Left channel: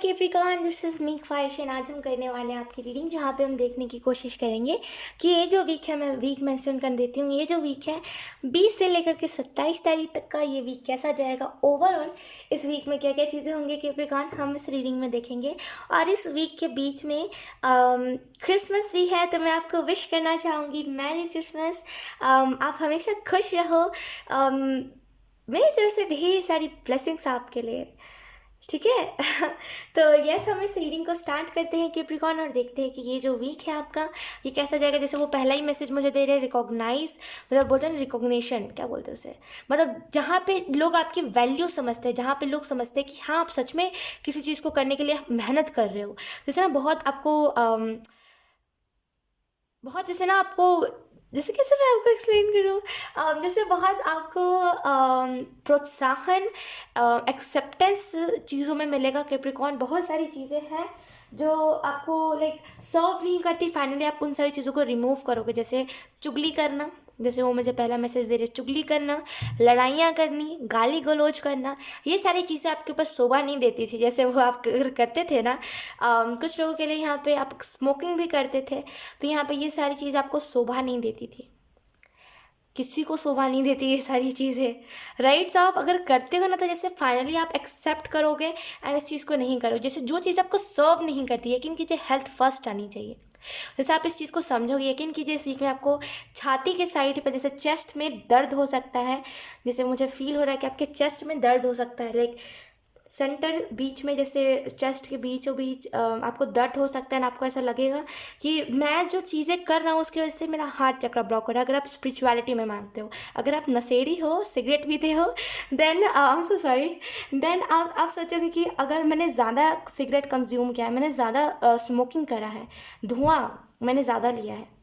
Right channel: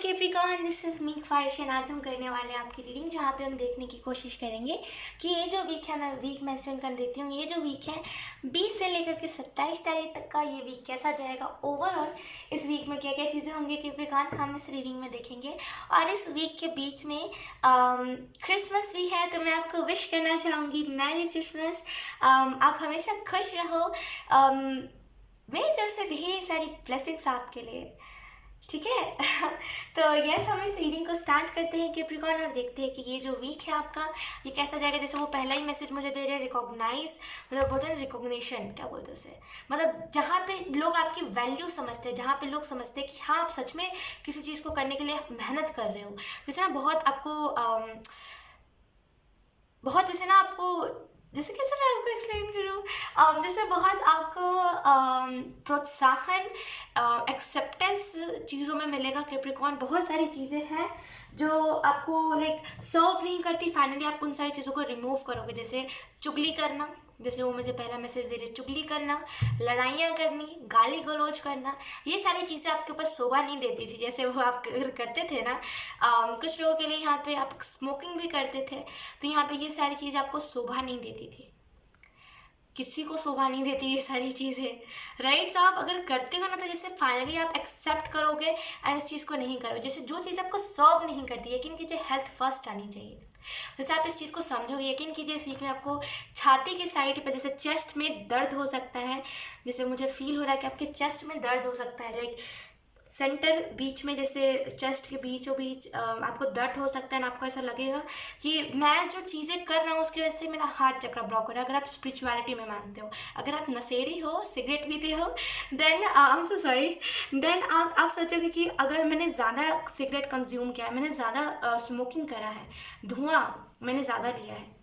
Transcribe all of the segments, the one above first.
Capricorn, this is me ख्वाहिश। आज हम करने वाले हैं आपकी रीडिंग, जहाँ पे हम देखने की कोशिश करेंगे कि ये जो वीक है, मैं वीक मेंशन कर देती हूँ, ये जो वीक है 20 से लेकर के 27 तारीख तक का, ये वीक कैसा जाएगा ओवरऑल। इस वीक में क्या क्या चीज़ें होंगी कैप्रिकॉर्न, हम इस रीडिंग में देखेंगे। और इस वीक के बीच में क्रिसमस भी है, तो मैं आपको विश करना चाहूँगी मैरी क्रिसमस। आप हमेशा खुश रहो। मेरी तरफ से ढेर सारी ब्लेसिंग्स आपके लिए, ठीक है। तो यस, हम इस रीडिंग को स्टार्ट करते हैं कैप्रिकॉर्न, और देखते हैं कि ये जो वीक है आपका, ये कैसा जाएगा। जैसे वो पहला ही मैसेज मुझे दे रहे हैं, रिकॉग्नाइज, मतलब बोलते हैं रिकॉग्निशन, क्या बोलते हैं उसे, मतलब जहाँ पे लोग आपकी वैल्यू समझते हैं, जहाँ पे लोग समझते हैं कि हाँ, आप सच में किसी चीज़ को करने के लिए मेहनत कर रहे हो। जैसे ना बहुत आपको बहुत जैसे ना आपको, जैसे कैसे मैं आपको एक्सप्लेन करूँ, जैसे बहुत आपको प्रोत्साहन, एक्सेप्टेंस चीज़ों में मिलेगा कैप्रिकॉर्न। बहुत सारी चीज़ें हैं जो आपको लाइक सर्व नहीं करती, फाइनली आप उन सारी चीज़ों को रिमूव करोगे। जैसे चुगली करना, जैसे वो मुझे पहला मैसेज दे रहे, चुगली करना, लड़ाइयाँ करनी, गाली गलौज करना, ये सारी चीज़ें आपके ऊपर शोभा नहीं देती थी। जैसे वो आप करते थे ना, कुछ लोगों के लिए यहाँ पे आप स्मोकिंग भी करते थे, तो यहाँ पे ये सारी चीज़ आपको शोभा नहीं देती थी, किसी को शोभा नहीं देती ये सारी चीज़ें, राइट। तो आप अगर करते हो ना, तो जैसे फाइनली आप एक्सेप्ट करोगे एंड इस चीज़ को नहीं करो। जैसे जो चीज़ आपको सर्व नहीं करती, यकीन कीजिए हेल्थ फर्स्ट आनी चाहिए। जैसे आप इस चीज़ को समझोगे, यकीन कीजिए इस वीक में आपको छाती के साइड पर, जैसे चेस्ट में दर्द हो सकता है, जैसे मुझे फील हो रहा है कि आपके चेस्ट में दर्द हो सकता है, लाइक सेंटर बीच में, जैसे चेस्ट के बीचों बीच आपको दर्द हो सकता है ना। आपको ऐसा लगेगा कि मैं जो चीज़ें कर रहा हूँ उसकी वजह से मेरा हार्ट चक्र ब्लॉक हो रहा है। अगर आप स्पिरिचुअलिटी में मानते हो, अगर आप नशेड़ी हो, सिगरेट पीते हो, then I am so sorry, then आप सोचोगे कि अगर मैंने ज़्यादा सिगरेट कंज्यूम किया है, मैंने ज़्यादा स्मोकिंग करा है, धुआं मैंने ज़्यादा लिया है,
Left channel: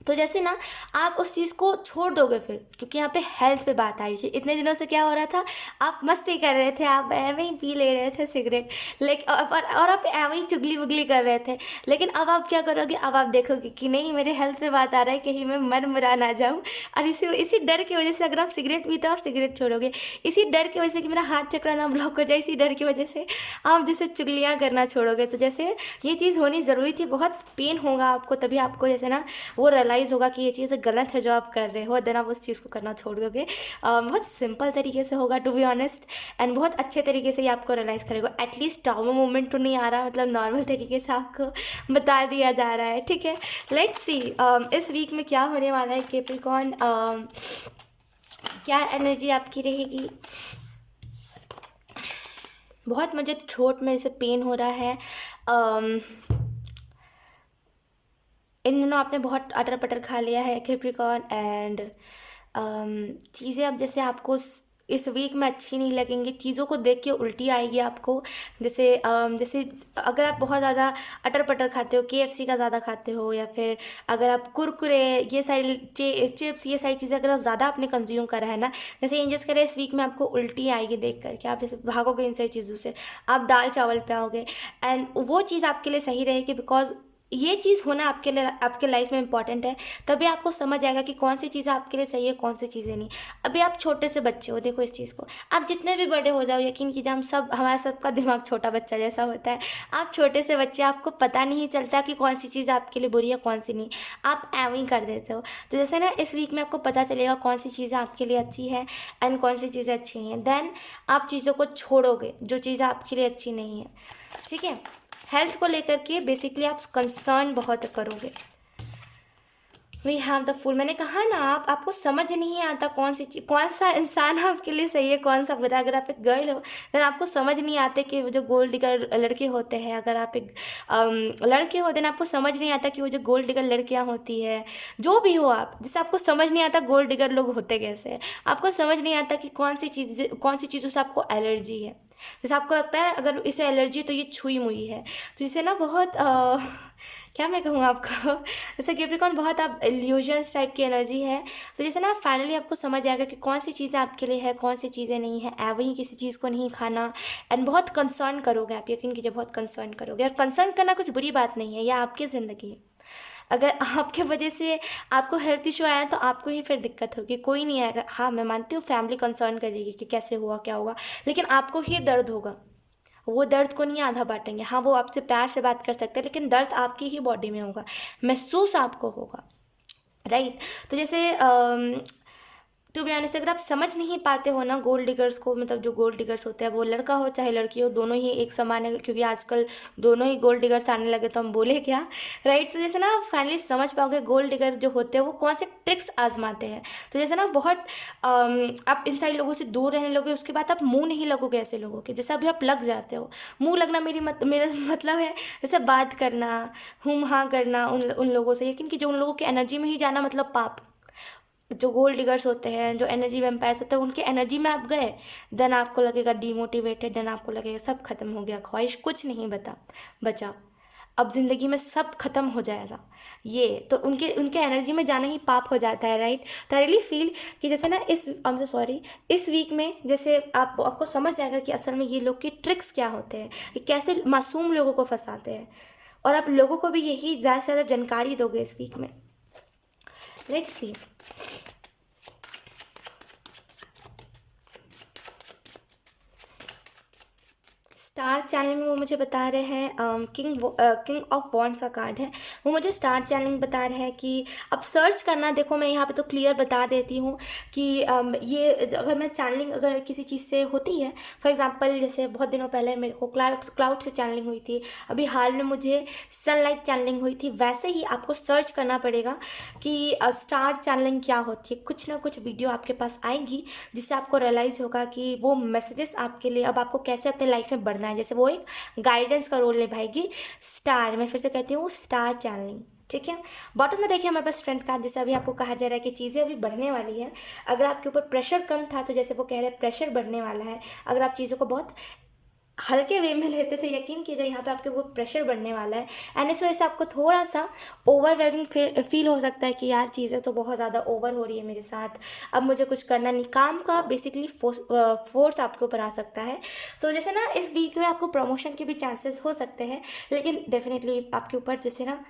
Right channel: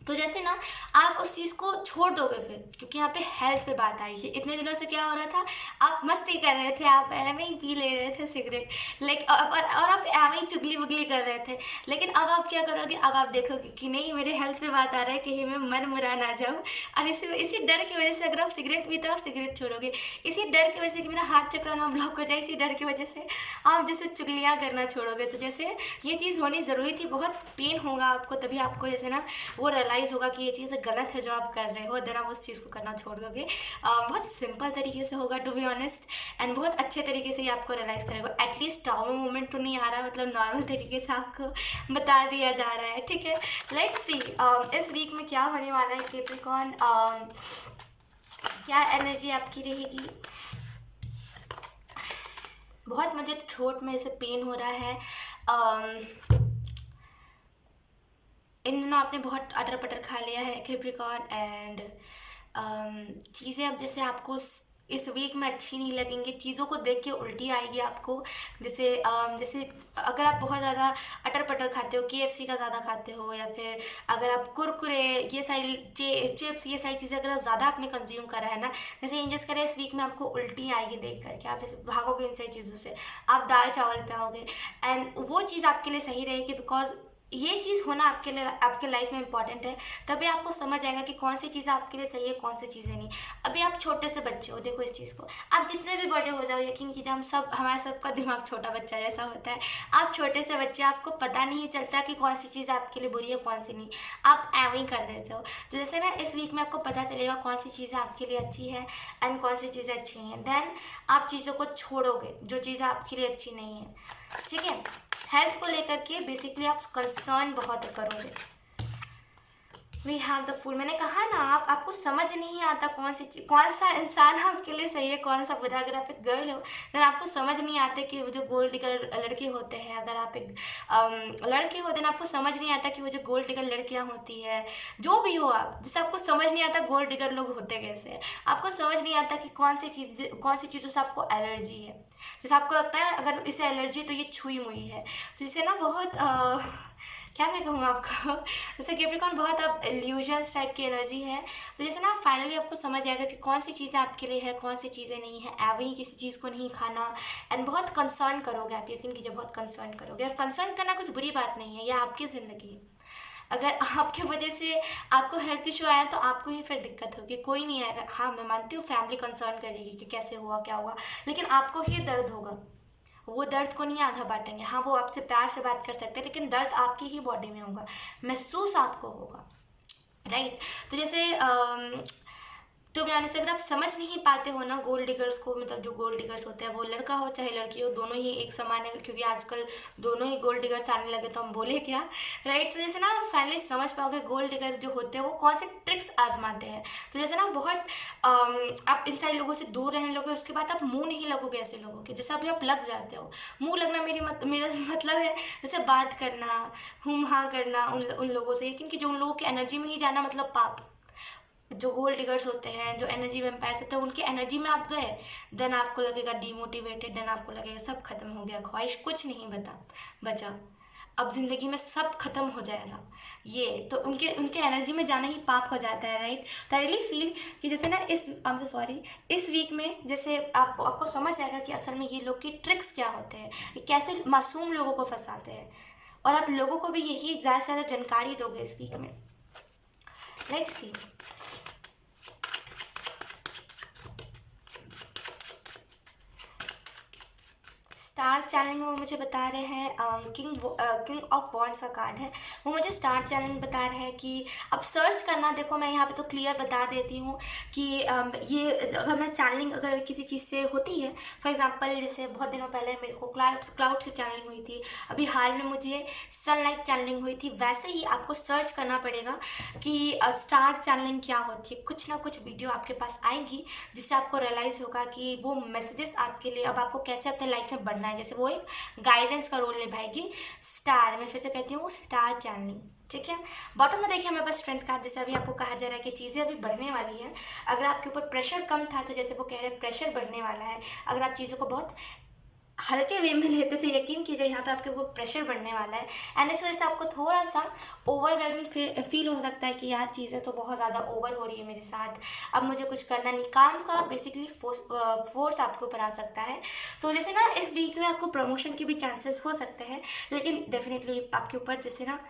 तो जैसे ना आप उस चीज़ को छोड़ दोगे फिर, क्योंकि यहाँ पे हेल्थ पे बात आ रही थी। इतने दिनों से क्या हो रहा था, आप मस्ती कर रहे थे, आप एवं ही पी ले रहे थे सिगरेट, लाइक और आप एवं ही चुगली वुगली कर रहे थे। लेकिन अब आप क्या करोगे, अब आप देखोगे कि नहीं, मेरे हेल्थ पे बात आ रहा है, कहीं मैं मन मुरा ना जाऊँ। और इसी डर की वजह से अगर आप सिगरेट पीते हो, आप सिगरेट छोड़ोगे। इसी डर की वजह से कि मेरा हार्ट चक्र ना ब्लॉक हो जाए, इसी डर की वजह से आप जैसे चुगलियाँ करना छोड़ोगे। तो जैसे ये चीज़ होनी ज़रूरी थी, बहुत पेन होगा आपको, तभी आपको जैसे ना वो रियलाइज़ होगा कि ये चीज़ गलत है जो आप कर रहे हो, देन आप उस चीज़ को करना छोड़ दोगे। बहुत सिंपल तरीके से होगा, टू बी ऑनेस्ट, एंड बहुत अच्छे तरीके से ये आपको रियलाइज़ करेगा। एटलीस्ट ट्रॉमा मोमेंट तो नहीं आ रहा, मतलब नॉर्मल तरीके से आपको बता दिया जा रहा है, ठीक है। लेट्स सी इस वीक में क्या होने वाला है कैप्रिकॉर्न, क्या एनर्जी आपकी रहेगी। बहुत मुझे थ्रोट में ऐसे पेन हो रहा है। इन दिनों आपने बहुत अटर पटर खा लिया है कैप्रिकॉर्न, एंड चीज़ें अब जैसे आपको इस वीक में अच्छी नहीं लगेंगी, चीज़ों को देख के उल्टी आएगी आपको। जैसे अगर आप बहुत ज़्यादा अटर पटर खाते हो, KFC का ज़्यादा खाते हो, या फिर अगर आप कुरकुरे, ये सारी चिप्स, ये सारी चीज़ें अगर आप ज़्यादा आपने कंज्यूम करा है ना, जैसे इंजस्ट करें, इस वीक में आपको उल्टी आएगी देख करके, आप जैसे भागोगे इन सारी चीज़ों से, आप दाल चावल पे आओगे। एंड वो चीज़ आपके लिए सही रहेगी, बिकॉज ये चीज़ होना आपके लिए, आपके लाइफ में इंपॉर्टेंट है। तभी आपको समझ आएगा कि कौन सी चीज़ें आपके लिए सही है, कौन सी चीज़ें नहीं। अभी आप छोटे से बच्चे हो, देखो इस चीज़ को, आप जितने भी बड़े हो जाओ, यकीन कीजिए हम सब, हमारा सबका दिमाग छोटा बच्चा जैसा होता है। आप छोटे से बच्चे, आपको पता नहीं चलता कि कौन सी चीज़ आपके लिए बुरी है, कौन सी नहीं, आप एवं ही कर देते हो। तो जैसे ना इस वीक में आपको पता चलेगा कौन सी चीज़ें आपके लिए अच्छी है एंड कौन सी चीज़ें अच्छी नहीं है, देन आप चीज़ों को छोड़ोगे जो चीज़ें आपके लिए अच्छी नहीं है, ठीक है। हेल्थ को लेकर के बेसिकली आप कंसर्न बहुत करोगे। वी हैव द फूल, मैंने कहा ना, आपको समझ नहीं आता कौन सा इंसान आपके लिए सही है, कौन सा बुरा। अगर आप एक गर्ल हो, देन आपको समझ नहीं आते कि वो जो गोल्ड डिगर लड़के होते हैं। अगर आप एक लड़के हो, देन आपको समझ नहीं आता कि वो जो गोल्ड डिगर लड़कियां होती है। जो भी हो आप, जिससे आपको समझ नहीं आता गोल्ड डिगर लोग होते कैसे हैं। आपको समझ नहीं आता कि कौन सी चीज़ों से आपको एलर्जी है। जैसे आपको लगता है अगर इसे एलर्जी है तो ये छुई मुई है, तो इसे ना बहुत क्या मैं कहूँ आपको, जैसे कैप्रिकॉर्न बहुत आप इल्यूजन्स टाइप की एनर्जी है। तो जैसे ना फाइनली आपको समझ आएगा कि कौन सी चीज़ें आपके लिए है, कौन सी चीज़ें नहीं है। एवं ही किसी चीज़ को नहीं खाना, एंड बहुत कंसर्न करोगे आप, यकीन कीजिए बहुत कंसर्न करोगे। और कंसर्न करना कुछ बुरी बात नहीं है, यह आपकी ज़िंदगी है। अगर आपके वजह से आपको हेल्थ इशू आया तो आपको ही फिर दिक्कत होगी, कोई नहीं आएगा। हाँ, मैं मानती हूँ फैमिली कंसर्न करेगी कि कैसे हुआ, क्या हुआ, लेकिन आपको ही दर्द होगा, वो दर्द को नहीं आधा बांटेंगे। हाँ, वो आपसे प्यार से बात कर सकते हैं, लेकिन दर्द आपकी ही बॉडी में होगा, महसूस आपको होगा, राइट। तो जैसे टू बी ऑनेस्ट, अगर आप समझ नहीं पाते हो ना गोल्ड डिगर्स को, मतलब जो गोल्ड डिगर्स होते हैं, वो लड़का हो चाहे लड़की हो, दोनों ही एक समान है, क्योंकि आजकल दोनों ही गोल्ड डिगर्स आने लगे, तो हम बोले क्या, राइट। तो जैसे ना आप फाइनली समझ पाओगे गोल्ड डिगर जो होते हैं वो कौन से ट्रिक्स आजमाते हैं। तो जैसे ना बहुत आप इन सारे लोगों से दूर रहने लोगे, उसके बाद आप मुंह नहीं लगोगे ऐसे लोगों के, जैसे अभी आप लग जाते हो। मुंह लगना मेरा मतलब है जैसे बात करना, हुम हाँ करना उन लोगों से, लेकिन कि जो उन लोगों की एनर्जी में ही जाना मतलब पाप। जो गोल्ड डिगर्स होते हैं, जो एनर्जी वैम्पायर्स होते हैं, उनकी एनर्जी में आप गए, देन आपको लगेगा डीमोटिवेटेड, देन आपको लगेगा सब खत्म हो गया, ख्वाहिश कुछ नहीं बचा, अब ज़िंदगी में सब खत्म हो जाएगा। ये तो उनके उनके एनर्जी में जाना ही पाप हो जाता है, राइट। तो आई रियली फील कि जैसे ना इस वीक में जैसे आपको समझ आएगा कि असल में ये लोग की ट्रिक्स क्या होते हैं, ये कैसे मासूम लोगों को फंसाते हैं, और आप लोगों को भी यही ज़्यादा से ज़्यादा जानकारी दोगे इस वीक में। Let's see. स्टार चैनलिंग वो मुझे बता रहे हैं, किंग ऑफ वॉन्ड्स का कार्ड है, वो मुझे स्टार चैनलिंग बता रहे हैं कि अब सर्च करना। देखो मैं यहाँ पे तो क्लियर बता देती हूँ कि ये अगर मैं चैनलिंग अगर किसी चीज़ से होती है, फॉर एग्जांपल जैसे बहुत दिनों पहले मेरे को क्लाउड से चैनलिंग हुई थी, अभी हाल में मुझे सनलाइट चैनलिंग हुई थी, वैसे ही आपको सर्च करना पड़ेगा कि स्टार चैनलिंग क्या होती है। कुछ ना कुछ वीडियो आपके पास आएंगी जिससे आपको रियलाइज़ होगा कि वो मैसेजेस आपके लिए अब आपको कैसे अपने लाइफ में बढ़ना है, जैसे वो एक गाइडेंस का रोल निभाएगी स्टार। मैं फिर से कहती हूँ स्टार चैनलिंग, ठीक है। बॉटम में देखिए हमारे पास स्ट्रेंथ कार्ड, जैसे अभी आपको कहा जा रहा है कि चीज़ें अभी बढ़ने वाली हैं। अगर आपके ऊपर प्रेशर कम था तो जैसे वो कह रहे हैं प्रेशर बढ़ने वाला है। अगर आप चीज़ों को बहुत हल्के वे में लेते थे, यकीन कीजिए यहाँ पे आपके वो प्रेशर बढ़ने वाला है, एंड इस वजह से आपको थोड़ा सा ओवरवेलमिंग फील हो सकता है कि यार चीज़ें तो बहुत ज़्यादा ओवर हो रही है मेरे साथ, अब मुझे कुछ करना नहीं, काम का बेसिकली फोर्स आपके ऊपर आ सकता है। तो जैसे ना इस वीक में आपको प्रमोशन के भी चांसेस हो सकते हैं, लेकिन डेफिनेटली आपके ऊपर जैसे ना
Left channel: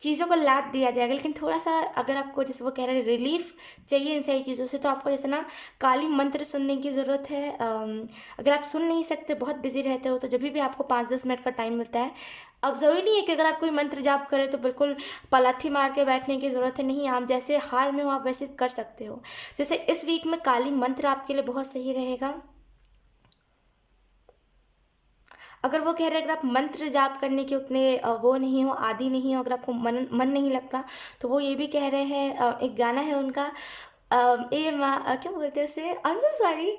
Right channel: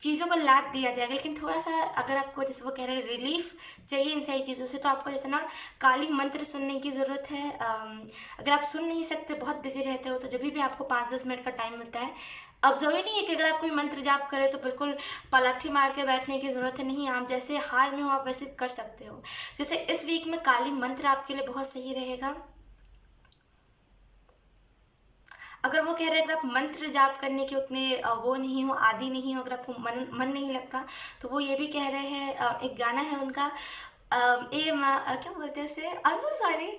चीज़ों को लाद दिया जाएगा, लेकिन थोड़ा सा अगर आपको जैसे वो कह रहे हैं रिलीफ चाहिए इन सारी चीज़ों से, तो आपको जैसे ना काली मंत्र सुनने की ज़रूरत है। अगर आप सुन नहीं सकते, बहुत बिजी रहते हो, तो जब भी आपको 5-10 मिनट का टाइम मिलता है, अब ज़रूरी नहीं है कि अगर आप कोई मंत्र जाप करें तो बिल्कुल पलाथी मार के बैठने की ज़रूरत है, नहीं, आप जैसे हाल में हो आप वैसे कर सकते हो। जैसे इस वीक में काली मंत्र आपके लिए बहुत सही रहेगा। अगर वो कह रहे हैं अगर आप मंत्र जाप करने के उतने वो नहीं हो, आदि नहीं हो, अगर आपको मन नहीं लगता, तो वो ये भी कह रहे हैं, एक गाना है उनका, ए माँ क्या बोलते हैं उसे, आई एम सॉरी,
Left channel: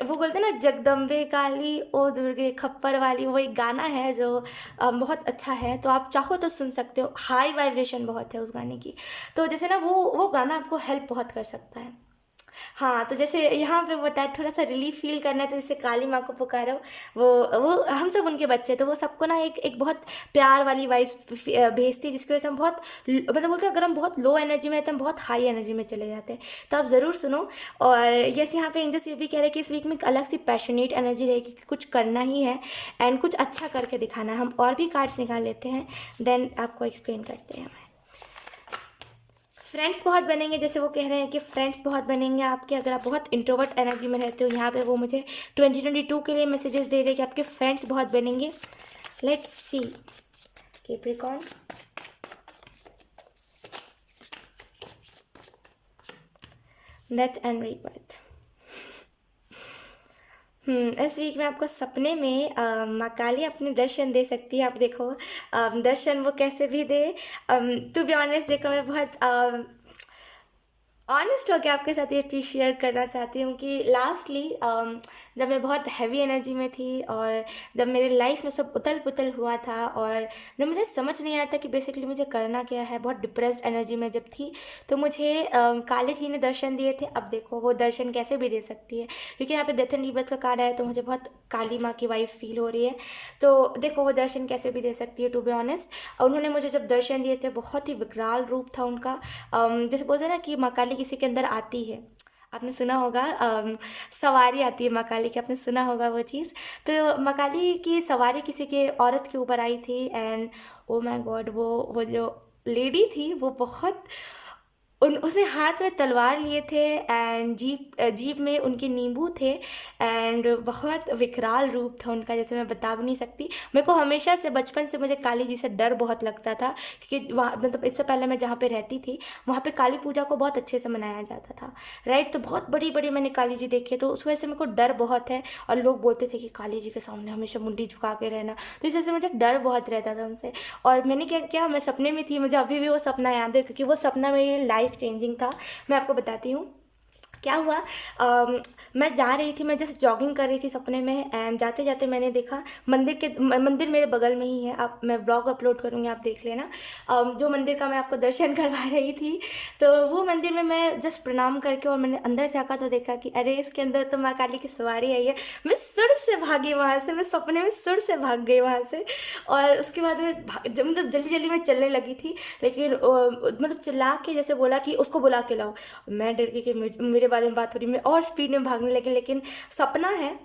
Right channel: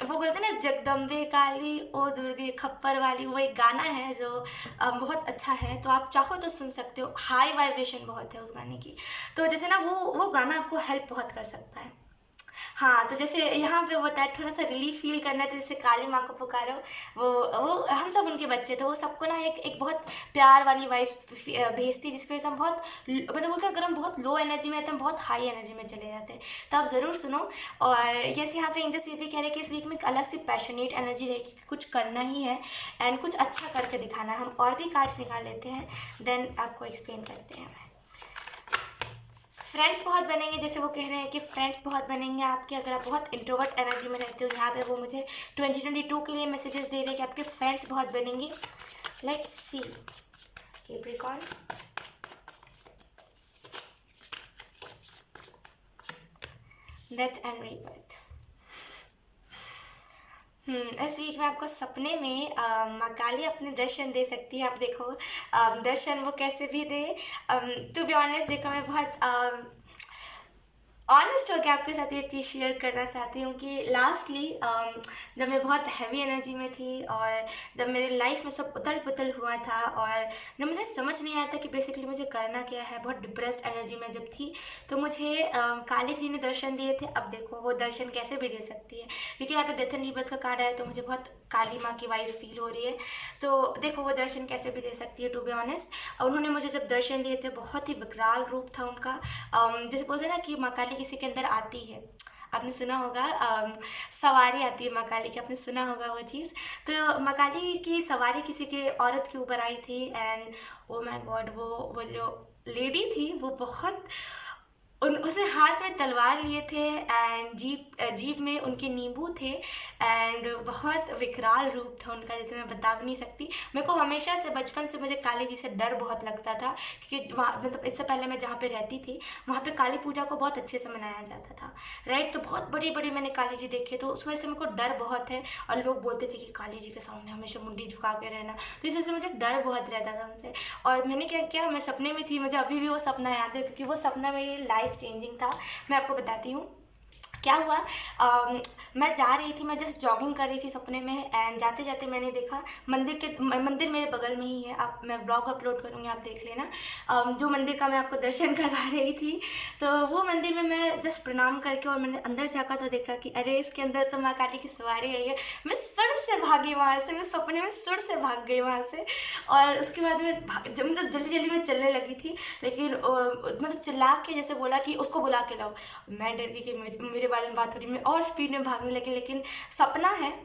वो बोलते हैं ना जगदम्बे काली ओ दुर्गे खप्पर वाली, वो एक गाना है जो बहुत अच्छा है, तो आप चाहो तो सुन सकते हो, हाई वाइब्रेशन बहुत है उस गाने की। तो जैसे ना वो गाना आपको हेल्प बहुत कर सकता है। हाँ, तो जैसे यहाँ पे बताया थोड़ा सा रिलीफ फील करना है, तो जैसे काली माँ को पुकारो, वो हम सब उनके बच्चे, तो वो सबको ना एक बहुत प्यार वाली वाइस भेजती है, जिसकी वजह से हम बहुत मतलब बोलते हैं अगर हम बहुत लो एनर्जी में आते हैं, हम बहुत हाई एनर्जी में चले जाते हैं। तो आप ज़रूर सुनो। और यस, यहाँ पे एंजल्स ये भी कह रहे हैं कि इस वीक में एक अलग सी पैशनेट एनर्जी रहेगी कि कुछ करना ही है एंड कुछ अच्छा करके दिखाना है। हम और भी कार्ड्स निकाल लेते हैं, देन आपको एक्सप्लेन करते हैं। फ्रेंड्स बहुत बनेंगे, जैसे वो कह रहे हैं कि फ्रेंड्स बहुत बनेंगे आपके, अगर आप बहुत इंट्रोवर्ट एनर्जी में रहते हो, यहाँ पे वो मुझे 2022 के लिए मैसेजेस दे रहे हैं कि आपके फ्रेंड्स बहुत बनेंगे। Let's see Capricorn, death and rebirth. इस वीक में आपको सपने में माँ काली अपने दर्शन दे सकती है। आप देखो दर्शन वो कैसे भी दे, टू बी ऑनेस्ट देखो मैं बहुत ऑनेस्ट होकर आपके साथ ये चीज़ शेयर करना चाहती हूँ कि लास्टली जब मैं बहुत हैवी एनर्जी में थी और जब मेरे लाइफ में सब उथल पुथल हुआ था और जब मुझे समझ नहीं आया था कि बेसिकली मुझे करना क्या है, बहुत डिप्रेस्ड एनर्जी में जब थी, तो मुझे काली जी ने दर्शन दिए थे। अब देखो वो दर्शन कैसे भी दे सकती है, क्योंकि यहाँ पे डेथ एंड रीबर्थ का कार्ड आया, तो मुझे बहुत काली माँ की वाइफ फील हो रही है। तो देखो वो दर्शन कैसे भी दे सकती है, टू बी ऑनेस्ट। उन्होंने मुझे जब दर्शन दिए थे, बहुत ही विकराल रूप था उनका। जैसे बोलते हैं ना कि माँ काली किसी के अंदर आती है, आपने सुना होगा, सवारी आती है माँ काली की, आपने सुना होगा वो चीज़। तो माँ काली की सवारी किसी के औरत के ऊपर आई थी, एंड ओ माय गॉड, वो जो लेडी थी वो बहुत उसने हाथ में तलवार लिए थे एंड जीभ में उनके नींबू थे एंड बहुत विकराल रूप था उनका, जैसे मैं बता भी नहीं सकती। मेरे को हमेशा से बचपन से मुझे काली जी से डर बहुत लगता था, क्योंकि वहाँ मतलब इससे पहले मैं जहाँ पे रहती थी वहाँ पे काली पूजा को बहुत अच्छे से मनाया जाता था, राइट। तो बहुत बड़ी बड़ी मैंने काली जी देखी है, तो उस वजह से मेरे को डर बहुत है। और लोग बोलते थे कि काली जी के सामने हमेशा मुंडी झुका के रहना, तो इस वजह से मुझे डर बहुत रहता था उनसे। और मैंने क्या किया, मैं सपने में थी, मुझे अभी भी वो सपना याद है, क्योंकि वो सपना मेरी लाइफ चेंजिंग था। मैं आपको बताती हूँ क्या हुआ। मैं जा रही थी, मैं जस्ट जॉगिंग कर रही थी सपने में एंड जाते जाते मैंने देखा मंदिर मेरे बगल में ही है। आप मैं व्लॉग अपलोड करूँगी, आप देख लेना। जो मंदिर का मैं आपको दर्शन करवा रही थी, तो वो मंदिर में मैं जस्ट प्रणाम करके और मैंने अंदर जाकर तो देखा कि अरे इसके अंदर तो माँ काली की सवारी आई है। मैं सुर से भागी वहाँ से, मैं सपने में सुर से भाग गई वहाँ से। और उसके बाद मैं मतलब जल्दी जल्दी मैं चलने लगी थी, लेकिन मतलब चिल्ला के जैसे बोला कि उसको बुला के लाओ। मैं डर गई कि मेरे बारे में बात हो रही, मैं और स्पीड में भागने लगी, लेकिन सपना है,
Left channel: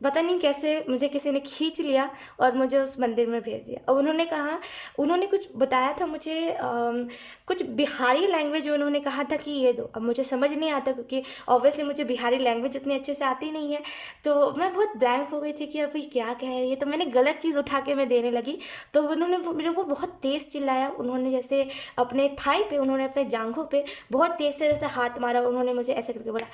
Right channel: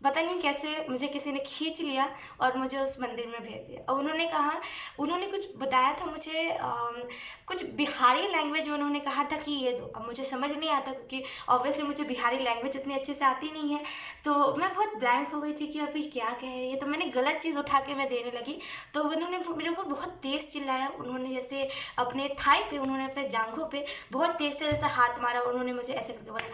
पता नहीं कैसे मुझे किसी ने खींच लिया और मुझे उस मंदिर में भेज दिया। और उन्होंने कुछ बताया था मुझे, कुछ बिहारी लैंग्वेज में उन्होंने कहा था कि ये दो। अब मुझे समझ नहीं आता, क्योंकि ऑब्वियसली मुझे बिहारी लैंग्वेज इतनी अच्छे से आती नहीं है, तो मैं बहुत ब्लैंक हो गई थी कि अभी क्या कह रही है। तो मैंने गलत चीज़ उठा के मैं देने लगी, तो उन्होंने मेरे को बहुत तेज़ चिल्लाया। उन्होंने जैसे अपने थाई पे, उन्होंने अपने जांघों पे बहुत तेज़ से जैसे हाथ मारा। उन्होंने मुझे ऐसे करके बोला,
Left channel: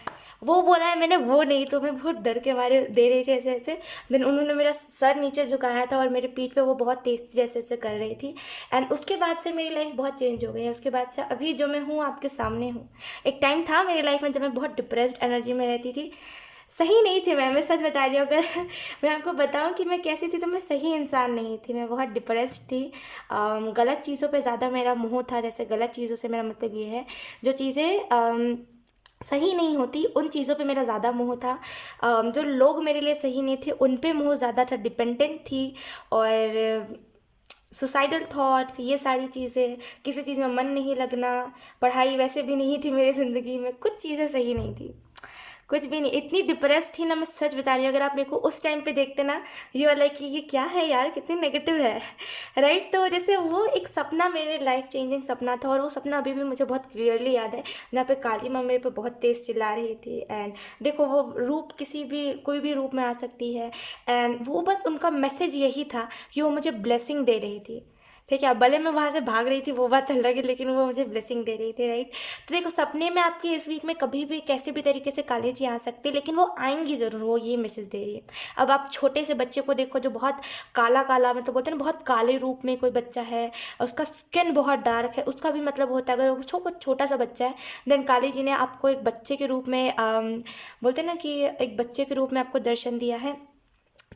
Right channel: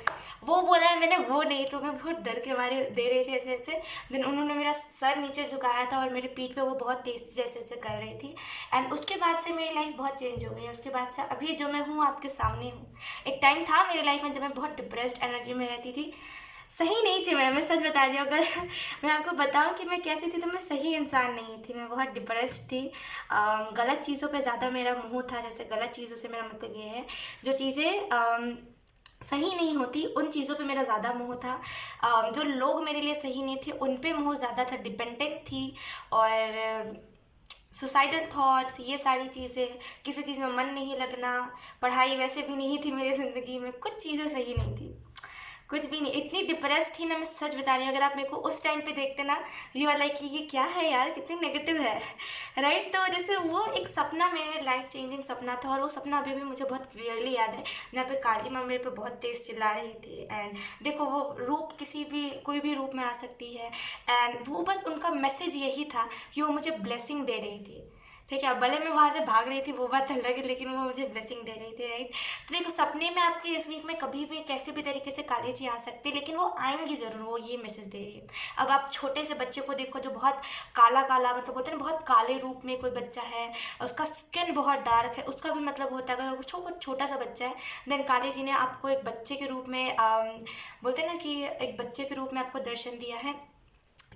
वो बोला है मैंने, वो नहीं। तो मैं बहुत डर के मारे दे रही थी ऐसे ऐसे। देन उन्होंने मेरा सर नीचे झुकाया था और मेरी पीठ पे वो बहुत तेज़ जैसे ऐसे कर रही थी। एंड उसके बाद से मेरी लाइफ बहुत चेंज हो गई है। उसके बाद से अभी जो मैं हूँ आपके सामने हूँ। एक टाइम था मेरी लाइफ में जब मैं बहुत डिप्रेस्ड एनर्जी में रहती थी, सही नहीं थी मैं सच बता रही हूँ। अगर मैं आपको बताऊँ कि मैं कैसी थी, तो मैं सही इंसान नहीं थी, मैं बहुत डिप्रेस्ड थी। गलत चीज़ों पे ज़्यादा मेरा मोह था। जैसे गलत चीज़ों से मेरा मतलब ये है, जो चीज़ें सही नहीं होती उन चीज़ों पे मेरा ज़्यादा मोह था। जो लोग मेरे लिए सही नहीं थे उन पे मोह ज़्यादा था, डिपेंडेंट थी। और सुसाइडल थॉट्स, ये सारी चीज़ें, किसी चीज़ में मन नहीं लगना, पढ़ाई वैसे भी नहीं थी मेरी ज़िंदगी में, कुछ चीज़ें सही नहीं थी, कुछ भी नहीं। इतनी डिप्रेस थी ना, मैं सच बता रही हूँ। अगर आप मेरे को उस टाइम पे देखते ना, ये वाला कि ये क्या है यार, कितनी नेगेटिव है, राइट। तो जैसे वो एक सपना मेरे लाइफ चेंजिंग सपना था, और वो सपना अभी भी मुझे बहुत क्लियरली याद है, जहाँ पे काली माँ मेरे पे बहुत तेज़ चिल्ला रही थी। एंड देखो, वो रूप किसी भी कोई भी रूप में आ सकती है, एंड वो बस उनका मैसेज यही था कि वो मुझे ब्लेसिंग दे रही थी, ठीक है। भले मैं वहाँ से भाग रही थी, वो बात अलग है, लेकिन वो मुझे ब्लेसिंग दे रही थी, राइट। तो देखो, सपने में आपके इस वीक में कभी भी कैसे भी तरीके से काली जी आ सकती है, लेकिन वो आएंगी ज़रूर, वो ये मैसेज दे रही है। अब आप छोटे से बच्चे को देखो जो बहुत काला काला, मतलब बोलते हैं ना, बहुत काले रूप में कोई बच्चा है, उसका स्किन बहुत डार्क है, उसका भी मतलब होता है, अगर वो छोटा सा बच्चा है, देन काली जी ने आपको एक बच्चे के रूप में बोलते हैं ना कि एक बच्चे के रूप में आपको दर्शन दिया है।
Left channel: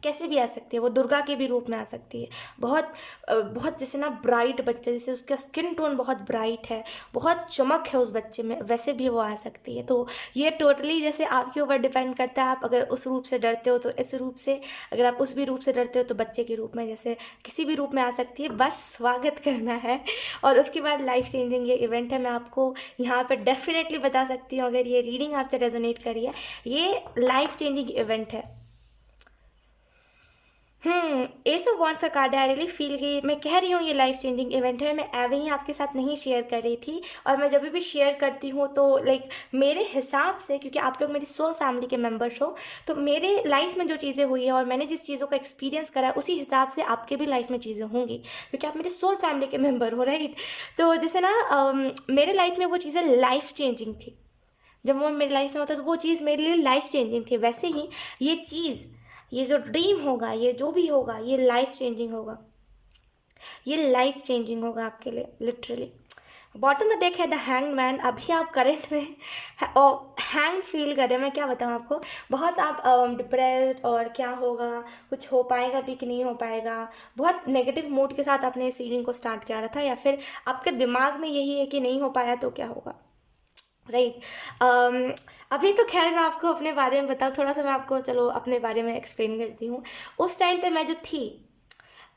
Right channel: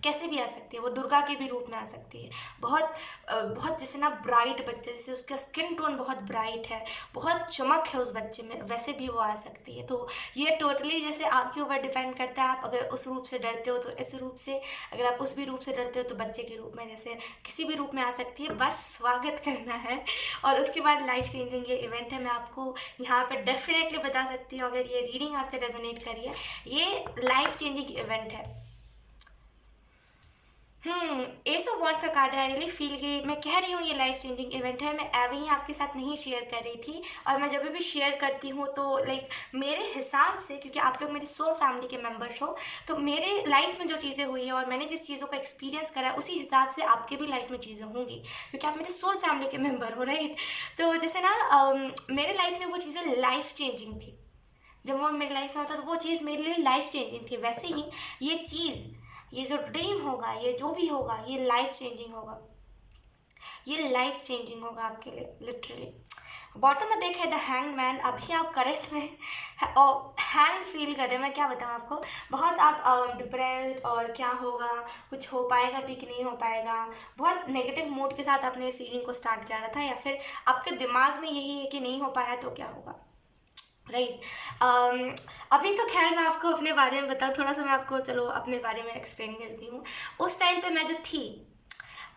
कैसे भी आ सकती है, वो दुर्गा के भी रूप में आ सकती है। बहुत बहुत जैसे ना ब्राइट बच्चे, जैसे उसका स्किन टोन बहुत ब्राइट है, बहुत चमक है उस बच्चे में, वैसे भी वो आ सकती है। तो ये टोटली जैसे आपके ऊपर डिपेंड करता है, आप अगर उस रूप से डरते हो तो इस रूप से, अगर आप उस भी रूप से डरते हो तो बच्चे के रूप में, जैसे किसी भी रूप में आ सकती है, बस स्वागत करना है। और उसके बाद लाइफ चेंजिंग ये इवेंट है, मैं आपको यहाँ पर डेफिनेटली बता सकती हूँ, अगर ये रीडिंग आपसे रेजोनेट करी है, ये लाइफ चेंजिंग इवेंट है। एस ऑफ वॉन्ड्स का कार्ड है। आई रियली फील कि मैं कह रही हूँ ये लाइफ चेंजिंग इवेंट है, मैं एवे ही आपके साथ नहीं शेयर कर रही थी। और मैं जब भी शेयर करती हूँ तो लाइक मेरे हिसाब से, क्योंकि आप लोग मेरी सोल फैमिली के मेंबर्स हो, तो मेरे लाइफ में जो चीज़ें हुई है और मैंने जिस चीज़ों का एक्सपीरियंस करा है, उसी हिसाब से आपके भी लाइफ में चीज़ें होंगी, क्योंकि आप मेरे सोल फैमिली के मेम्बर हो, राइट। तो जैसे ना मेरे लाइफ में वो चीज़ें लाइफ चेंजिंग थी, जब वो मेरी लाइफ में होता तो वो चीज़ मेरे लिए लाइफ चेंजिंग थी। वैसे ही ये चीज़, ये जो ड्रीम होगा, ये जो भी होगा, ये लाइफ चेंजिंग होगा, ये लाइफ चेंजिंग होगा आपके लिए, लिटरली। बॉटम में देखा है द हैंग्ड मैन। अभी आप करंट में हैंग फील कर रहे हैं, मैं क्या बताऊँ आपको, बहुत आप डिप्रेस्ड, और क्या होगा, कुछ हो पाएगा भी कि नहीं हो पाएगा, बहुत नेगेटिव मूड के साथ आपने इस रीडिंग को स्टार्ट किया था, या फिर आपके दिमाग में यही है कि नहीं हो पाया तो क्या होगा, राइट। अभी तो खैर मैं आपको अपने बारे में बताऊँ, थोड़ा सा मैं आपको चलो अपने बारे में एक्सप्लेन करती हूँ। उस टाइम पे मैं जो थी,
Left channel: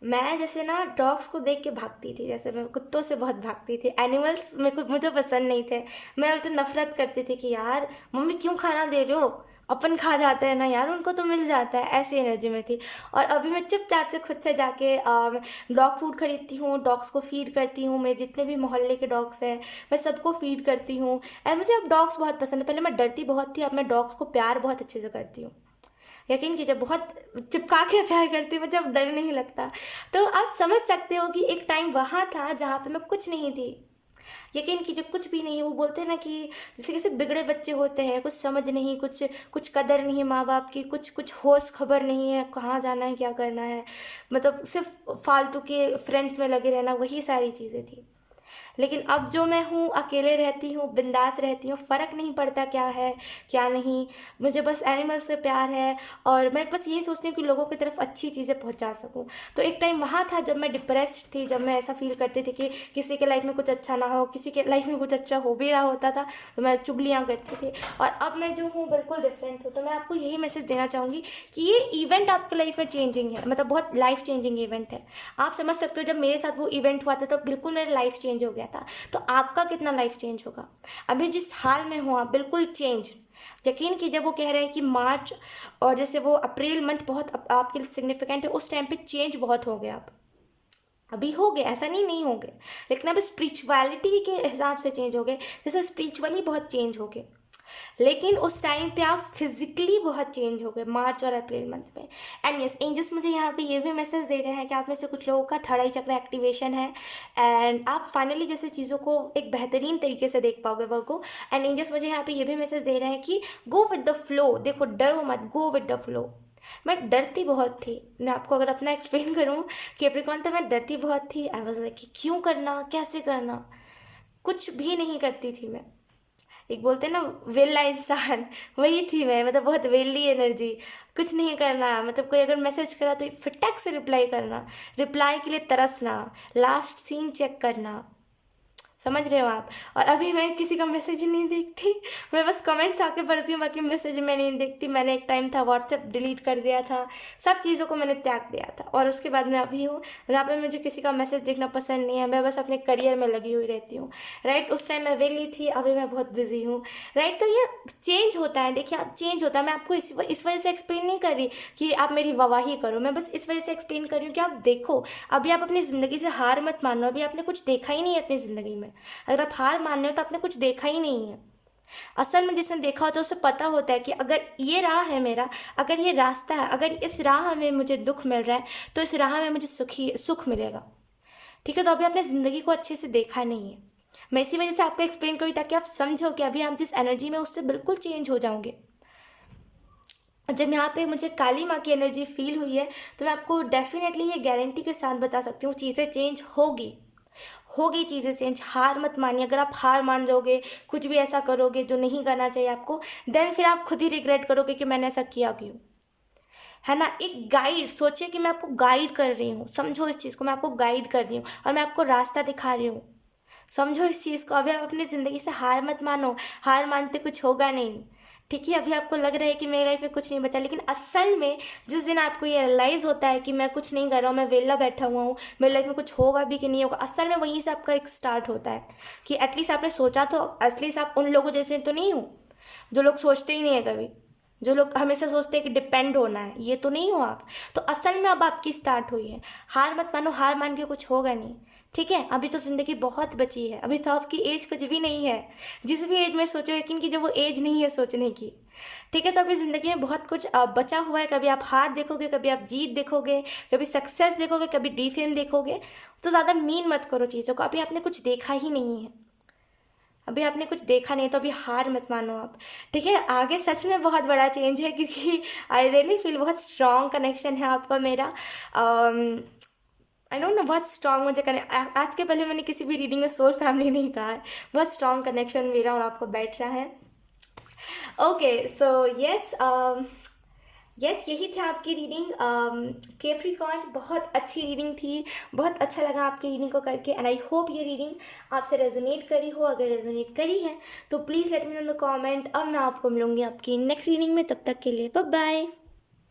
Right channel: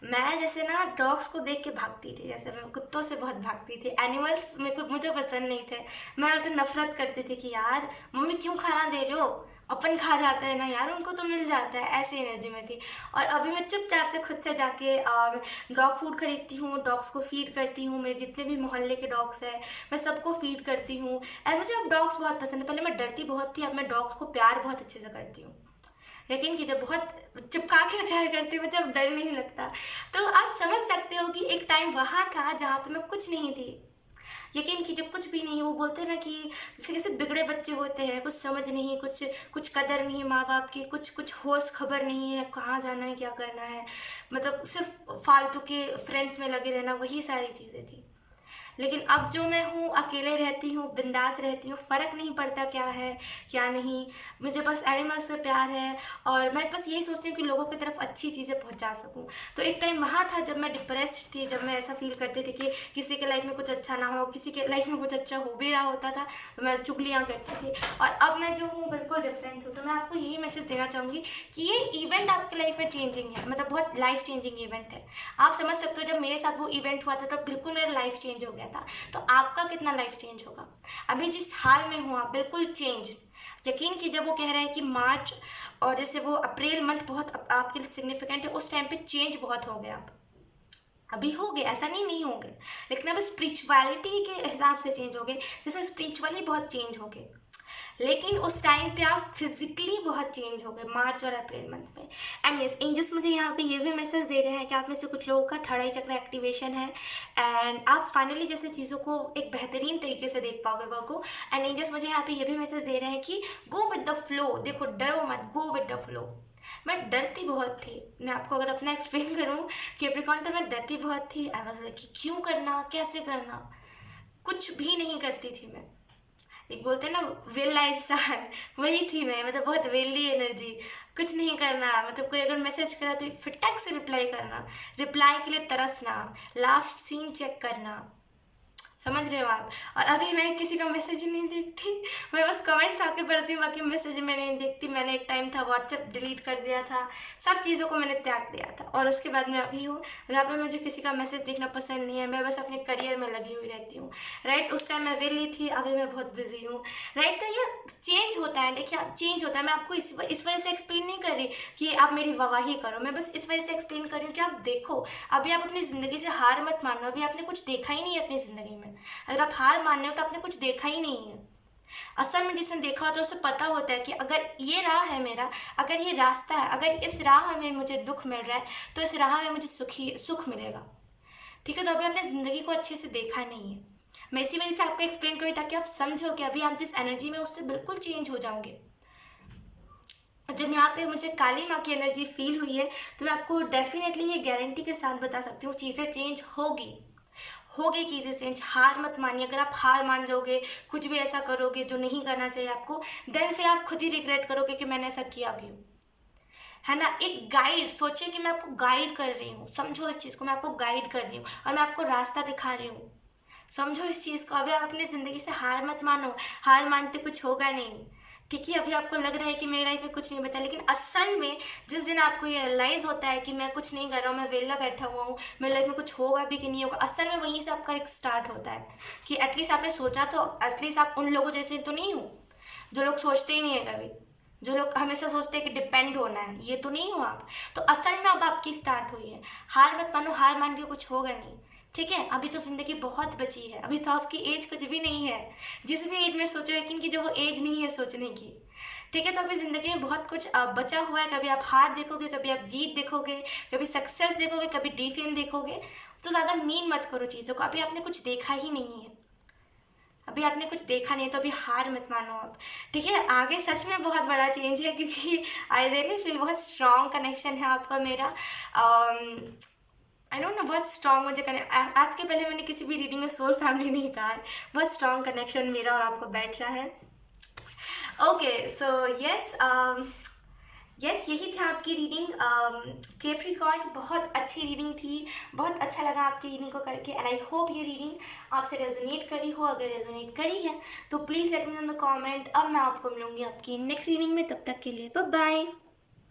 मैं जैसे ना डॉग्स को देख के भागती थी, जैसे मैं कुत्तों से बहुत भागती थी। एनिमल्स मेरे को मुझे पसंद नहीं थे, मैं उल्टा नफरत करती थी कि यार मम्मी क्यों खाना दे रहे हो, अपन खा जाते हैं ना यार, उनको तो मिल जाता है, ऐसी एनर्जी में थी। और अभी मैं चुपचाप से खुद से जाके डॉग फूड खरीदती हूँ, डॉग्स को फीड करती हूँ, मेरे जितने भी मोहल्ले के डॉग्स हैं मैं सबको फीड करती हूँ। एंड मुझे अब डॉग्स बहुत पसंद है। पहले मैं डरती बहुत थी, अब मैं डॉग्स को प्यार बहुत अच्छे से करती हूँ। यकीन कीजिए, बहुत चिपका के प्यार करती हूँ, मुझे अब डर नहीं लगता। तो आप समझ सकते हो कि एक टाइम वहाँ था जहाँ पे मैं कुछ नहीं थी। यकीन कीजिए, कुछ भी नहीं। वो बोलते हैं ना कि जैसे कैसे बिगड़े बच्चे होते हैं, कुछ समझ नहीं, कुछ कुछ कदर नहीं माँ बाप की, कुछ कुछ होश खबर नहीं है कहाँ जाना है क्या करना है, मतलब सिर्फ फालतू के फ्रेंड्स में लगे रहना, वही सारी चीज़ें थी। लेकिन अब जो मैं हूँ, अकेले रहती हूँ, बिंदास रहती हूँ, फ़र्क नहीं पड़ता क्या है क्या नहीं। मुझे बस एनिमल्स से प्यार है, और मैं बस यही सोचती हूँ कि लोगों की तरफ अच्छी चीज़ें पहुँचा सकूँ। तो एक टाइम वहाँ था जब मैं डिप्रेस्ड थी, जब मैं ऐसा फील करती थी कि किसी के लाइफ में कुछ अच्छा ना हो, किसी के लाइफ में कुछ अच्छा हो भी रहा होता था तो मैं चुगलियाँ करती थी। और अब मैं जो हूँ बिल्कुल डिफरेंट हूँ। तो मैं आपको यही मैसेज देना चाहूँगी कि ये इवेंट आपकी लाइफ में चेंजिंग है, मतलब बहुत लाइफ चेंजिंग इवेंट है। आप समझ सकते हो, जब मेरे साथ वो इवेंट हुआ था तो बिल्कुल मेरा लाइफ चेंज हो गया था। तो आपका कितना लाइफ चेंज होगा? अभी जिस हाल में हो आप, बिल्कुल चेंज। यकीन कीजिए, वो कह रहे हैं कि मार्च और जैसे वो अप्रैल मंथ बहुत आपके लिए सिग्निफिकेंट है, उस टाइम पे चेंज बहुत हो गया। आप अभी हो गए, ऐसा नहीं हो गए, लेकिन अब स्पिरिचुअलिटी के हिसाब से चेंज हो गए। जैसे स्पिरिचुअली बहुत चेंज हो गए, लेकिन उस टाइम पे आप फिजिकली बहुत चेंज हो गए मार्च और अप्रैल मंथ में। एंड यस, एंजल्स मुझे यहाँ पे ये भी मैसेज दे रहे हैं कि आप में से कुछ लोगों का थर्ड आई चक्र एक्टिवेशन है, एंड आप फाइनली जैसे चीज़ों को एक बेहतरीन तरीके से देख पाओगे वर्क को। एंड एंजल्स मुझे यहाँ पे ये भी मैसेज दे रहे हैं कि गो विद द फ्लो। देखो, डरो मत, गो विद द फ्लो। मैं डरती बहुत थी, मैं आपको अगर अपना एक्सप्लेन करूँ कैप्रिकॉर्न, तो मैं डरती बहुत थी। आई वाज लाइक कि क्यों करना, कैसे करना, कुछ भी नहीं करती थी मैं। एक बोलते हैं ना वेला इंसान, वही थी मैं, मतलब बहुत वेली एनर्जी। कुछ नहीं करना, मतलब कोई अगर मैसेज करा तो फटाक से रिप्लाई करना, रिप्लाई के लिए तरसना, लास्ट सीन चेक करना। समझ रहे हो आप? और अभी मैं किसी का मैसेज ही नहीं देखती, मैं बस कमेंट्स आके पढ़ती हूँ, बाकी मैसेज मैं नहीं देखती। मैंने एक टाइम था व्हाट्सएप डिलीट कर दिया था, सब चीज़ों को मैंने त्याग दिया था, और उसके बाद मैं अभी हूँ जहाँ पे मुझे किसी का मैसेज देखना पसंद नहीं है। मैं बस अपने करियर में लगी हुई रहती हूँ, राइट। उस टाइम मैं वेली थी, अभी मैं बहुत बिजी हूँ, राइट। तो ये चेंज होता है, देखिए आप, चेंज होता है। मैं आपको इस वजह से एक्सप्लेन नहीं कर रही कि आप मेरी वाहवाही करो, मैं बस इस वजह से एक्सप्लेन कर रही हूँ कि आप देखो, अभी आप अपनी ज़िंदगी से हार मत मानो। अभी आपने कुछ देखा ही नहीं है अपनी ज़िंदगी में। अगर आप हार मान रहे हो तो आपने कुछ देखा ही नहीं है। असल में जिसने देखा होता है उसे पता होता है कि अगर ये राह है मेरा, अगर ये रास्ता है, अगर इस राह में मुझे दुख मिल रहा है तो इस राह में मुझे सुख मिलेगा। ठीक है, तो अभी आपने ज़िंदगी को अच्छे से देखा नहीं है। मैं इसी वजह से आपको एक्सप्लेन करूँ ताकि आप समझो कि अभी आप जिस एनर्जी में उससे बिल्कुल चेंज हो जाओगे। जब यहाँ पे मुझे काली माँ की एनर्जी फील हुई है तो मैं आपको डेफिनेटली ये गारंटी के साथ बता सकती हूँ, चीज़ें चेंज होगी चीज़ें चेंज। हार मत मानिए। अगर आप हार मान जाओगे, कुछ भी ऐसा करोगे जो नहीं करना चाहिए आपको, देन फिर आप खुद ही रिग्रेट करोगे कि मैंने ऐसा किया क्यों, है ना। एक गाइड सोचिए कि मैं आपको गाइड कर रही हूँ, समझो इस चीज़ को, मैं आपको गाइड कर रही हूँ और मैं आपको रास्ता दिखा रही हूँ। समझो इस चीज़ को। अभी आप अपनी ज़िंदगी से हार मत मानो, हार मानते कुछ होगा नहीं। ठीक है, अभी आपको लग रहा है कि मेरी लाइफ में कुछ नहीं बचा, लेकिन असल में जिस दिन आपको ये रियलाइज़ होता है कि मैं कुछ नहीं कर रहा हूँ, मैं वेला बैठा हुआ हूँ, मेरी लाइफ में कुछ होगा भी कि नहीं होगा, असल में वहीं से आपका एक स्टार्ट होता है कि एटलीस्ट आपने सोचा, तो एटलीस्ट आप उन लोगों जैसे तो नहीं हो जो लोग सोचते ही नहीं है कभी, जो लोग हमेशा सोचते हैं कि डिपेंड होना है, ये तो नहीं हो आप। तो असल में अब आपकी स्टार्ट हुई है। हार मत मानो, हार मान के कुछ होगा नहीं। ठीक है, अभी तो ज़िंदगी बहुत बची है, अभी तो आपकी एज कुछ भी नहीं है। जिस भी एज में सोचो, लेकिन कि जो वो एज नहीं है सोचने की। ठीक है, तो अभी ज़िंदगी में बहुत कुछ बचा हुआ है। कभी आप हार देखोगे, कभी आप जीत देखोगे, कभी सक्सेस देखोगे, कभी डीफेम देखोगे। तो ज़्यादा मीन मत करो चीज़ों को, अभी आपने कुछ देखा ही नहीं है, अभी आपने कुछ देखा नहीं, तो अभी हार मत मानो आप। ठीक है, आगे सच में बहुत बड़ा चेंज है, क्योंकि आई रियली फील बहुत स्ट्रॉन्ग कनेक्शन है आपका मेरा। आई डोंट नो, बहुत स्ट्रॉन्ग मुझे आज के पहले मैंने किसी भी रीडिंग में सोल फैमिली नहीं कहा है। बहुत स्ट्रॉन्ग कनेक्शन मेरा और आपको बैठ रहा है। ओके, सो यस, यस, यही थी आपकी रीडिंग कैप्रिकॉर्न। बहुत अच्छी रीडिंग थी, बहुत अच्छा लगा आपकी रीडिंग को करके, एंड आई होप ये रीडिंग आपसे रेजोनेट करी हो। अगर रेजोनेट करी है तो please let me in the comment. अब मैं आपको मिलूंगी आपकी नेक्स्ट रीडिंग में, तब तक के लिए बाय बाय।